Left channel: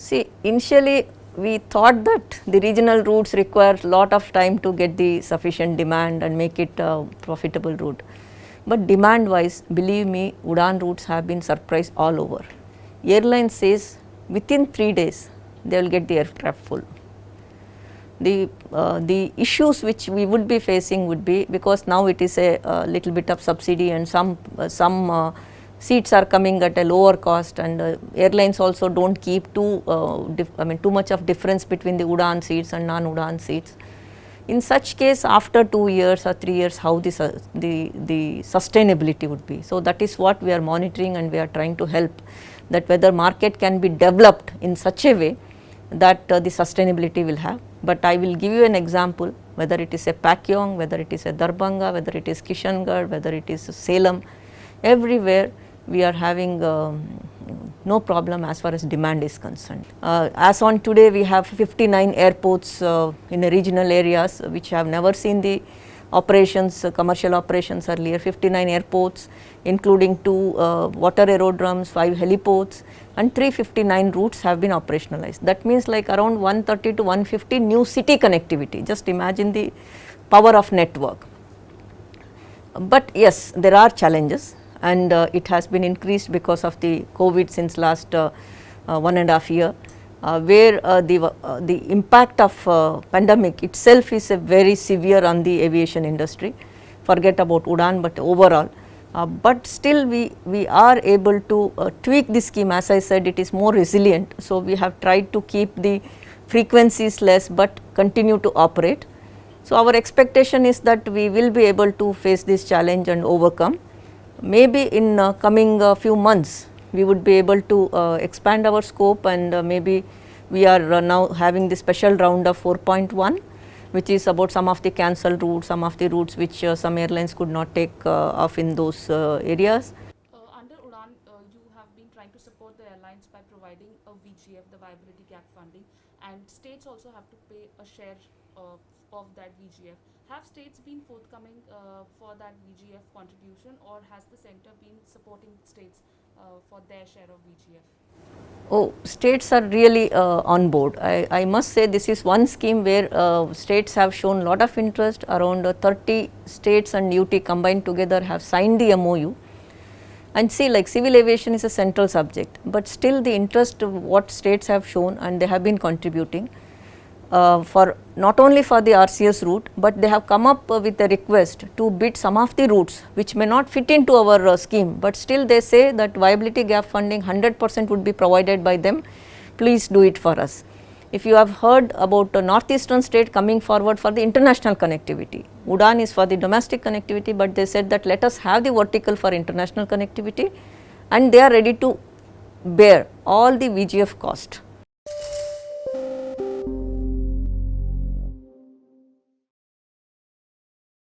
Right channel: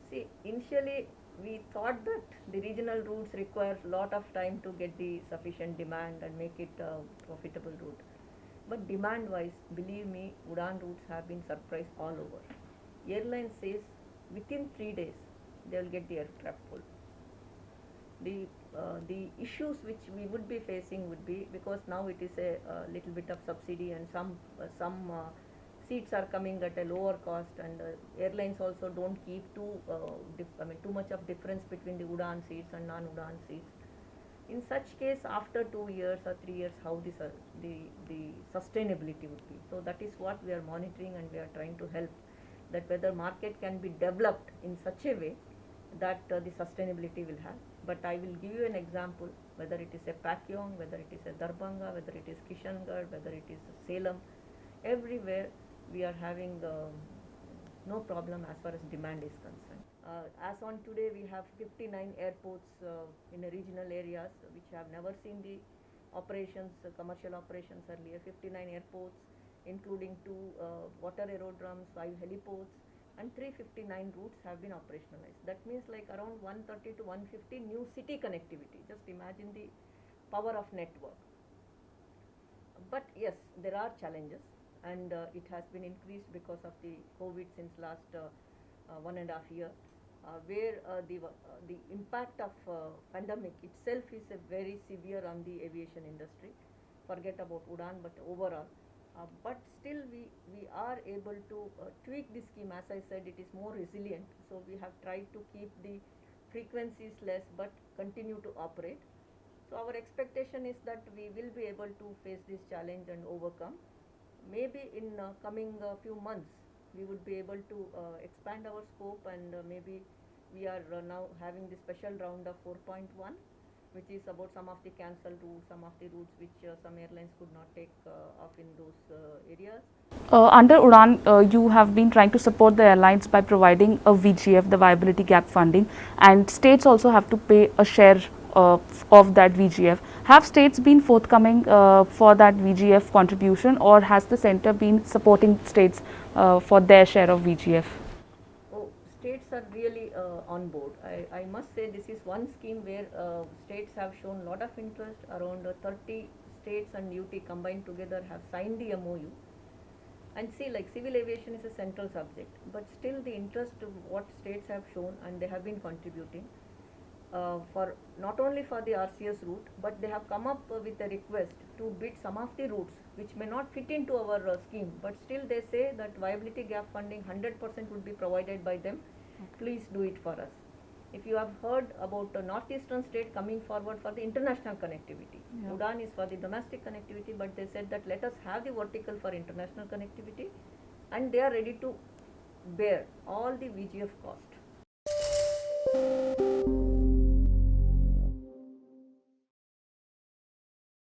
See, initially we thought that the regional routes require lot of time to get the sufficient demand and make it a profitable route. But demand wise, believe me, Udan routes have been surprised all over. Airline says within 3 days they will get the aircraft full. The issues which we would be facing would be, because now it is a little bit of subsidy and some seats are coming at a lower cost, and airlines also do not keep too much of difference between the Udan seats and non-Udan seats. In such case, after 2 years or 3 years, how the sustainability would be. So, that is what we are monitoring, and we are trying to help, that whether market can be developed in such a way that the sustainability will have. But I will give you an example, whether it is a Pakyong, whether it is a Darbhanga, whether it is Kishangarh, whether it is Salem, everywhere we are having no problem as far as demand is concerned. As on today, we have 59 airports in the regional areas which have never seen the operations, commercial operations earlier. 59 airports, including 2 water aerodromes, 5 heliports, and 359 routes have been operationalized. That means like around 130 to 150 new city connectivity. Just imagine the power of network. But yes, there are challenges, and it has been increased because of the COVID since last 1.5 years, where the impact of pandemic itself is very severe on the aviation industry. Forget about Udan, but overall. But still we are able to tweak the scheme. As I said, it is more resilient. So, we have tried to keep the frequencies less, but continue to operate. So, our expectation is that we will be able to face this challenge and overcome. Maybe in coming few months, we would be able to expand our scope, and maybe we are now having the special round of 4.1, which is about some of the cancelled routes, some of the routes which some airlines could not take off in those areas. Under Udan, you have been trying to support the airlines by providing a VGF, the viability gap funding, and states also have to pay a share of that VGF. Have states been forthcoming for that VGF contribution, or has the center been supporting states for their share of VGF? Oh, states are really on board. I must say this is one scheme where states have shown lot of interest. Around 30 states and UT combined together have signed the MOU. And see, like civil aviation is a central subject, but still the interest of what states have shown, and they have been contributing for not only for the RCS route, but they have come up with a request to bid some of the routes which may not fit into our scheme, but still they say that viability gap funding 100% would be provided by them, please do it for us. If you have heard about a northeastern state coming forward for the international connectivity, Udan is for the domestic connectivity, but they said that let us have the vertical for international connectivity, and they are ready to bear all the VGF cost.